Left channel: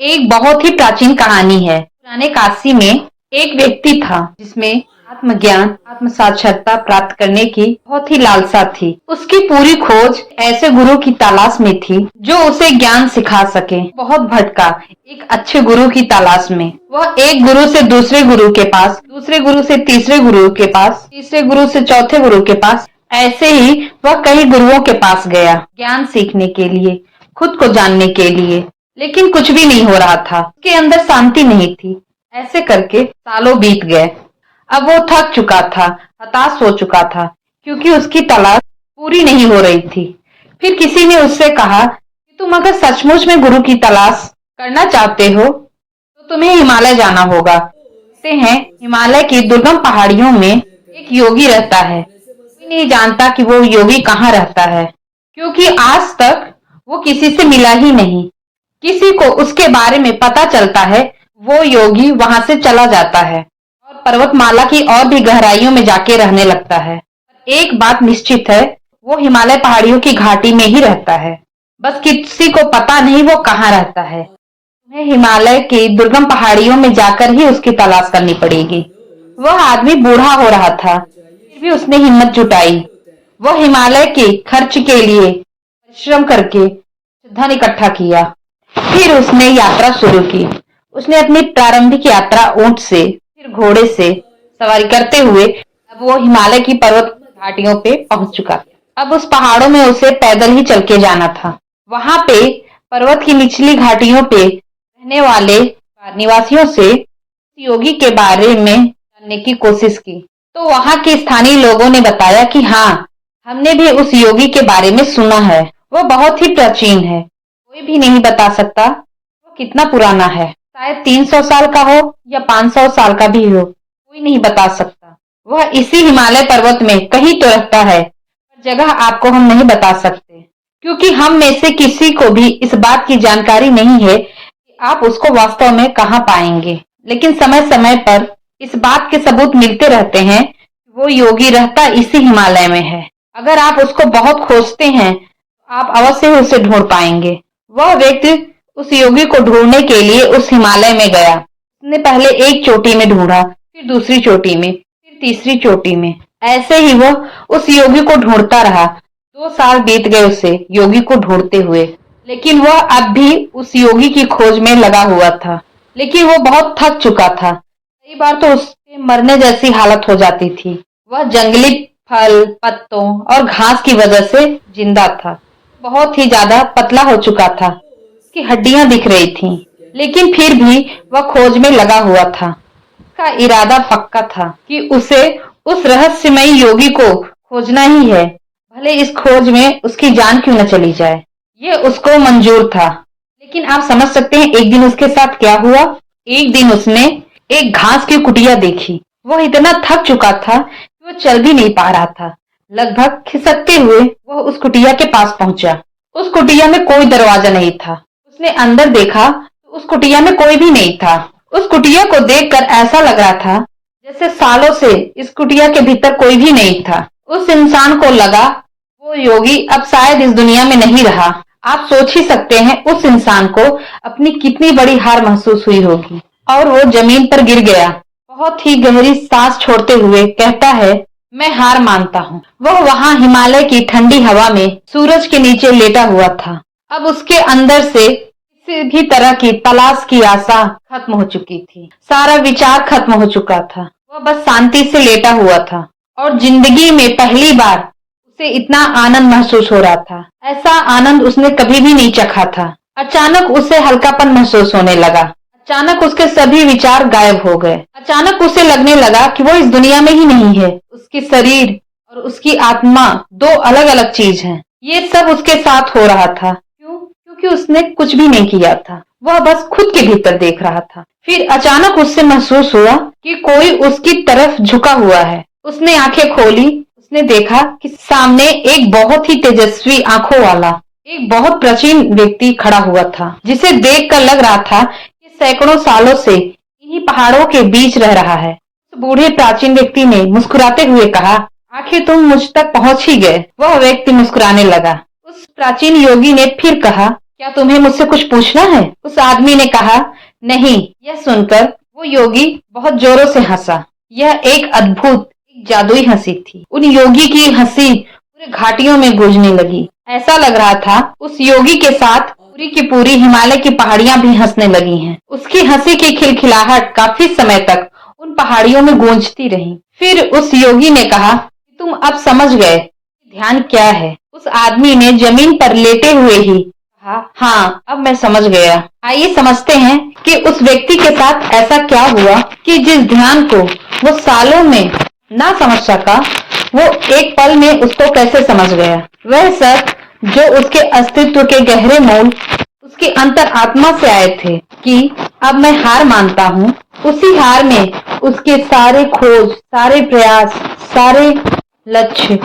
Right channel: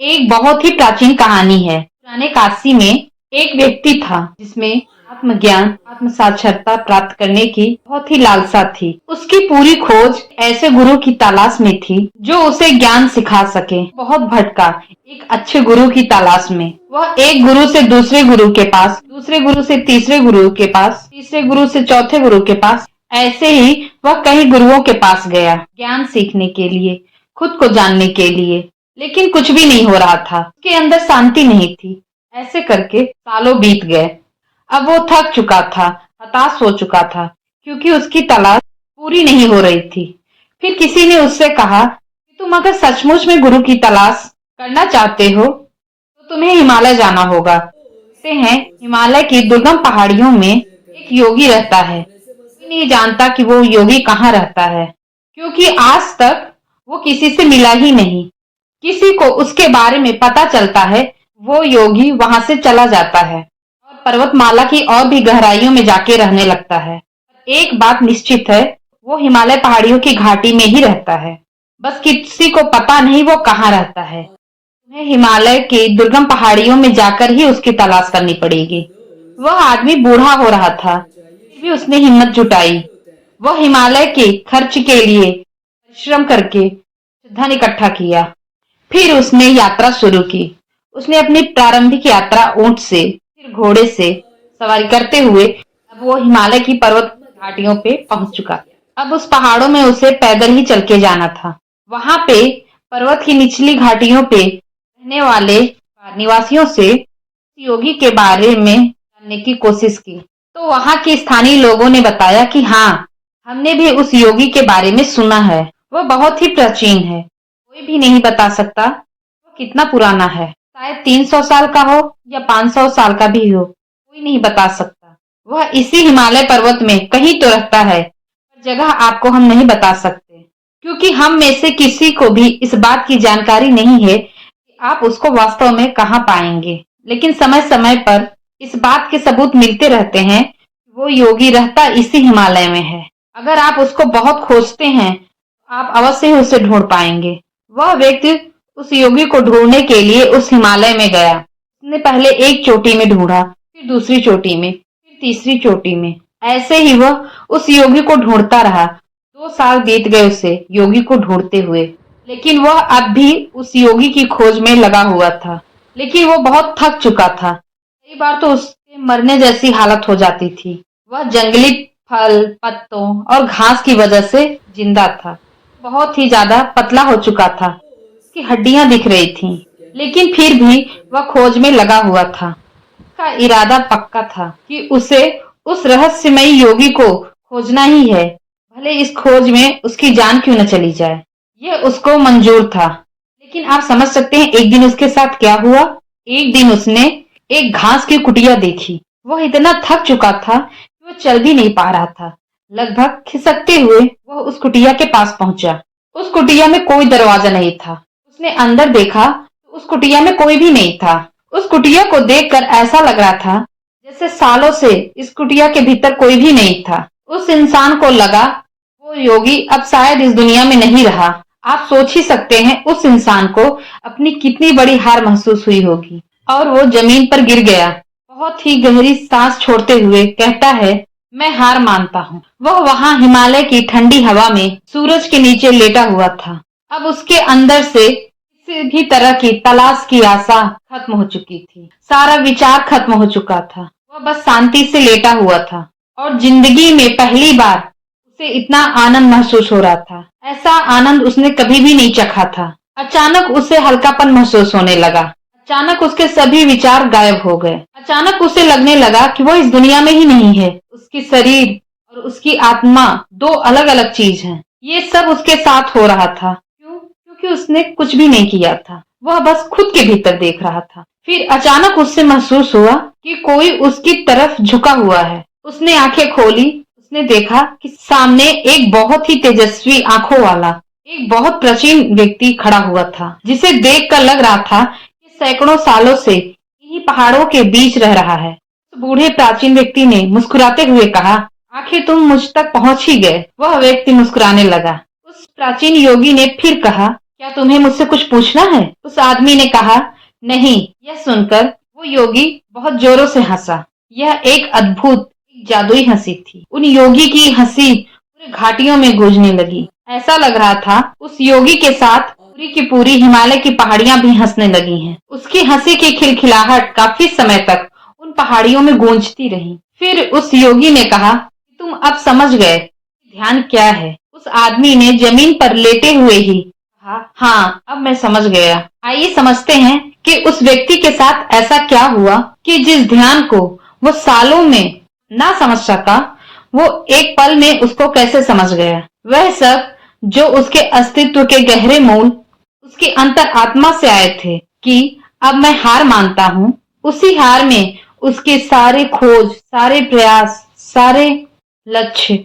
एक बहुत ही प्राचीन कहानी है। पुराने काशी में एक व्यक्ति था जिसमें आत्मज्ञान, आत्म साक्षरता प्राप्त करने की बहुत ही लालसा थी। उसकी पूरी खोज ऐसे गुरु की तलाश में थी जो उसे ज्ञान सिखा सके। बहुत भटका एक अच्छे गुरु की तलाश में। वह एक गुरु से दूसरे गुरु के पास, दूसरे गुरु से तीसरे गुरु के पास, तीसरे गुरु से चौथे गुरु के पास, ऐसे ही वह कई गुरुओं के पास गया ज्ञान सीखने के लिए, खुद को जानने के लिए। लेकिन कुछ भी नहीं हो रहा था, उसके अंदर शांति नहीं थी। ऐसे करके सालों बीत गए। अब वो थक चुका था, हताश हो चुका था, क्योंकि उसकी तलाश पूरी नहीं हो रही थी। फिर किसी ने उससे कहा कि तुम अगर सचमुच में गुरु की तलाश करना चाहते हो तो तुम्हें हिमालय जाना होगा। कहते हैं हिमालय की दुर्गम पहाड़ियों में एक योगी रहता है। कोई नहीं जानता कि वो योगी कहाँ रहता है, क्योंकि आज तक वो किसी से मिला ही नहीं। किसी को उसके बारे में पता चलता है, वो योगी वहां से चला जाता है और पर्वतमाला की और भी गहराइयों में जाके रहने लगता है। एक बात निश्चित है, वो हिमालय पहाड़ियों की घाटी में ही रहता है। बस किसी को पता नहीं वो कहाँ रहता है। तुम्हें हिमालय की दुर्गम पहाड़ियों में जाकर ही उसकी तलाश करनी पड़ेगी। वह आदमी बूढ़ा हो रहा था, फिर भी उसने हिम्मत जुटाई। वह हिमालय के खर्च के लिए परिश्रम करके धन इकट्ठा किया। फिर उसने यात्रा शुरू की। उसने अपनी प्रारंभिक यात्रा ऊंट से, फिर घोड़े से सवारी करते हुए अब वो हिमालय की पर्वत घाटियों पे पहुंच चुका। अब उस पहाड़ों में उसे पैदल ही चल के जाना था। वहां पे पर्वत की निचली घाटियों पे रहने वाले निवासियों से योगी के बारे में जानने की कोशिश की, तो वहां के स्थानीय लोगों ने बताया कि हाँ, हमने भी उस योगी के बारे में सुना है। वह बहुत ही प्राचीन है, कोई भी नहीं बता सकता वो कितना पुराना है। शायद 300 साल का हो या 500 साल का भी हो, कोई नहीं बता सकता। वह इसी हिमालय पर्वत में कहीं तो रहता है, पर जगह आपको हम नहीं बता सकते, क्योंकि हम में से किसी को भी इस बात की जानकारी नहीं है कि आप उसको वास्तव में कहाँ पाएंगे। लेकिन समय समय पर इस बात के सबूत मिलते रहते हैं कि वो योगी रहता इसी हिमालय में है। अगर आप उसको बहुत खोजते हैं तो आप अवश्य ही उसे ढूंढ पाएंगे। वह व्यक्ति उस योगी को ढूंढने के लिए उस हिमालय में गया। उसने पहले एक चोटी में ढूंढा, फिर दूसरी चोटी में, फिर तीसरी चोटी में। ऐसे ही वह उस योगी को ढूंढता रहा। 2 साल बीत गए उसे योगी को ढूंढते हुए, लेकिन वह अब भी उस योगी की खोज में लगा हुआ था। लेकिन वो बहुत थक चुका था। कई बार तो उसके मरने जैसी हालत हो जाती थी। वह जंगली फल, पत्तों और घास की वजह से जिंदा था। बहुत ही ज्यादा पतला हो चुका था, उसकी हड्डियां दिख रही थीं, लेकिन फिर भी वह खोज में लगा हुआ था। उसका इरादा पक्का था कि उसे उस रहस्यमयी योगी को खोजना ही है, भले इस खोज में उसकी जान क्यों न चली जाए। ये उसको मंजूर था। लेकिन आप समझ सकते हैं एक दिन उसके साथ क्या हुआ। एक दिन उसने एक घास की कुटिया देखी। वह इतना थक चुका था कि वो चल भी नहीं पा रहा था। लगभग खिसकते हुए वह उस कुटिया के पास पहुंचा। उस कुटिया में कोई दरवाजा नहीं था। उसने अंदर देखा तो उस कुटिया में कोई भी नहीं था। उस कुटिया को देखकर ऐसा लग रहा था जैसे सालों से इस कुटिया के भीतर कोई भी नहीं था। उस इंसान को लगा वो योगी अब शायद इस दुनिया में नहीं रहा। आप सोच ही सकते हैं उस इंसान को अपनी कितनी बड़ी हार महसूस हुई होगी, और वो जमीन पर गिर गया। बहुत ही गहरी सांस छोड़ते हुए कहता है, मैं हार मानता हूँ। वह वहां हिमालय की ठंडी हवा में सूरज के नीचे लेटा हुआ था। अब उसके अंदर से किसी भी तरह की तलाश की आशा खत्म हो चुकी थी। सारा विचार खत्म हो चुका था। वह बस शांति से लेटा हुआ था और जिंदगी में पहली बार उसे इतना आनंद महसूस हो रहा था। ऐसा आनंद उसने कभी भी नहीं चखा था। अचानक उसे हल्कापन महसूस होने लगा। अचानक उसके सभी विचार गायब हो गए। अचानक उसे लगने लगा कि वो इस दुनिया में ही नहीं है। उसकी शरीर और उसकी आत्मा दो अलग अलग चीज हैं। ये सब उसके साथ हो रहा था। क्यों? क्योंकि उसने कुछ भी नहीं किया था। वह बस खुद के भीतर देख रहा था। फिर अचानक उससे महसूस हुआ कि कोई उसकी तरफ झुका हुआ है। उसने आंखें खोली। उसने देखा कि सामने एक बहुत ही तेजस्वी आंखों वाला एक बहुत प्राचीन व्यक्ति खड़ा हुआ था, जिसे देखकर लग रहा था कि सैकड़ों सालों से इन्हीं पहाड़ों के बीच रह रहा है। उस बूढ़े प्राचीन व्यक्ति ने मुस्कुराते हुए कहा, आखिर तुम मुझ तक पहुंच ही गए। वह व्यक्ति मुस्कुराने लगा। उस प्राचीन योगी ने फिर कहा, क्या तुम्हें मुझसे कुछ पूछना है? उस आदमी ने कहा, नहीं। यह सुनकर वो योगी बहुत जोरों से हंसा। यह एक अद्भुत, एक जादुई हंसी थी। उन योगी की हंसी पूरे घाटियों में गूंजने लगी। ऐसा लग रहा था उस योगी के साथ पूरी की पूरी हिमालय की पहाड़ियां भी हंसने लगी हैं। उसकी हंसी की खिलखिलाहट काफी समय तक उन पहाड़ियों में गूंजती रही। फिर उस योगी ने कहा, तुम अब समझ गए ध्यान क्या है? उस आदमी ने जमीन पर लेटे हुए ही कहा, हाँ, अब मैं समझ गया। आइए समझते हैं कि उस व्यक्ति के साथ ऐसा क्या हुआ कि जिस ध्यान को वो सालों में ना समझ सका, वो एक पल में उसको कैसे समझ गया। वह सब जो उसके अस्तित्व के गहरे मूल, उसकी अंतर आत्मा से आए थे कि अब मैं हार मानता हूँ। उसी हार में उसके सारे खोज, सारे प्रयास, सारे लक्ष्य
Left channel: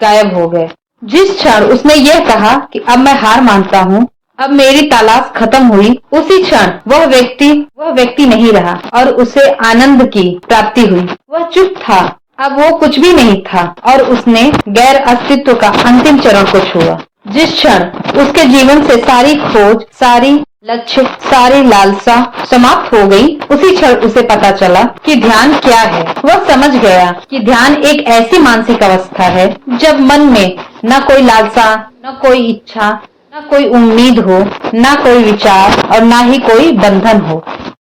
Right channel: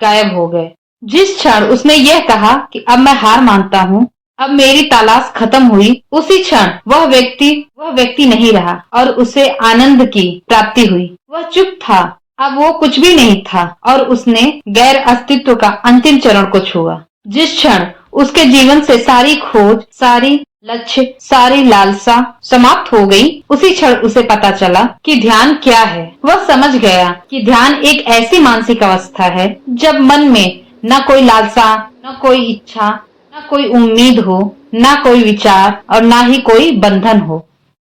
गायब हो गए। जिस क्षण उसने यह कहा कि अब मैं हार मानता हूँ, अब मेरी तलाश खत्म हुई, उसी क्षण वह व्यक्ति नहीं रहा और उसे आनंद की प्राप्ति हुई। वह चुप था, अब वो कुछ भी नहीं था और उसने गैर अस्तित्व का अंतिम चरण को छुआ। जिस क्षण उसके जीवन से सारी खोज, सारी लक्ष्य, सारी लालसा समाप्त हो गई, उसी क्षण उसे पता चला कि ध्यान क्या है। वह समझ गया कि ध्यान एक ऐसी मानसिक अवस्था है जब मन में न कोई लालसा, न कोई इच्छा, न कोई उम्मीद हो, न कोई विचार और न ही कोई बंधन हो।